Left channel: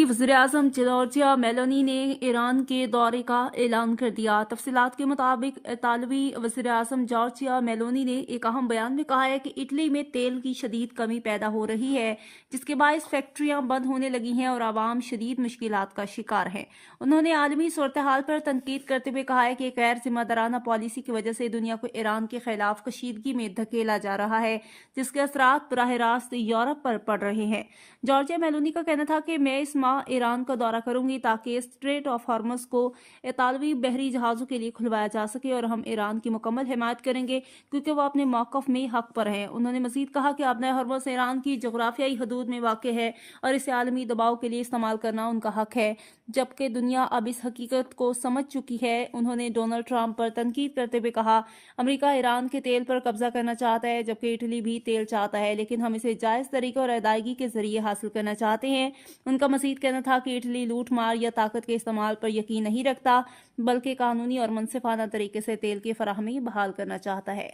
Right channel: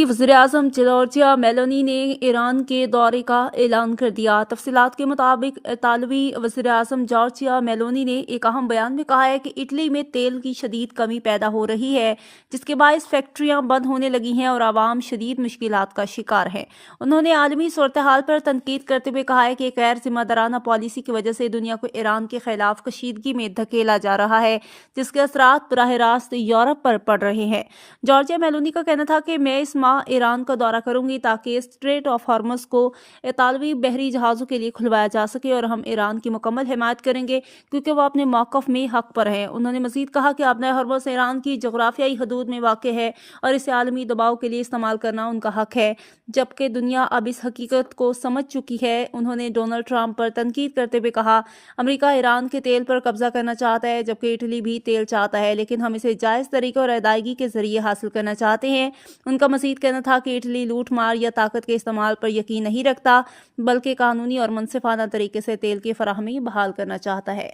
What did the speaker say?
की वज़ीर-ए-आज़म Giorgia Meloni ने ईरान के दौरे का ऐलान कर दिया। तफ़सीलात के मुताबिक इतालवी वज़ीर-ए-आज़म जॉर्जिया मेलोनी ने एक अहम बयान में कहा है कि इटली में तेल की शदीद कमी पैदा हो रही है, जिसके बायस फैक्ट्रियां बंद होने लगी हैं और आवाम शदीद मुश्किलात का शिकार है। उन्होंने आलमी सूरत-ए-हाल पर तनकीद करते हुए कहा है कि एक गैर जिम्मेदाराना पॉलिसी की वजह से दुनिया को ईरान के खिलाफ कशीदगी में धकेला जा रहा है, जिसके असरात बराह रास्त यूरोप पर पड़ रहे हैं। जॉर्जिया मेलोनी का कहना था कि मैं इस माह ईरान का दौरा करूंगी ताकि स्ट्रेट ऑफ हॉर्मुज़ को इतालवी बहरी जहाज़ों के लिए खुलवाया जा सके और हम ईरान की मुकम्मल हिमायत करेंगे क्योंकि वो अपने मौक़िफ़ में हक पर हैं। उन्होंने मज़ीद कहा कि आबनाए हॉर्मुज़ ईरान की जोग्राफियाई हदूद में वाक़ है और इसे आलमी दबाव के लिए इस्तेमाल करना उनका हक है, जबकि दुनिया अब इस हकीकत को समझ चुकी है। उन्होंने डोनाल्ड ट्रंप पर तनकीद करते हुए कहा, अमेरिका ईरान के तेल पर कब्जा करना चाहता है, जबकि इटली भी तेल चाहता है, लेकिन हम इसे जायज़ तरीके और अदायगी के जरिए हासिल करना चाहते हैं। उनका मज़ीद कहना था कि इटली लूट मार या ताकत के इस्तेमाल पर यकीन नहीं रखता, बल्कि कानूनी और मुनसिफाना तरीके से तेल की फराहमी बहाल करना चाहता है।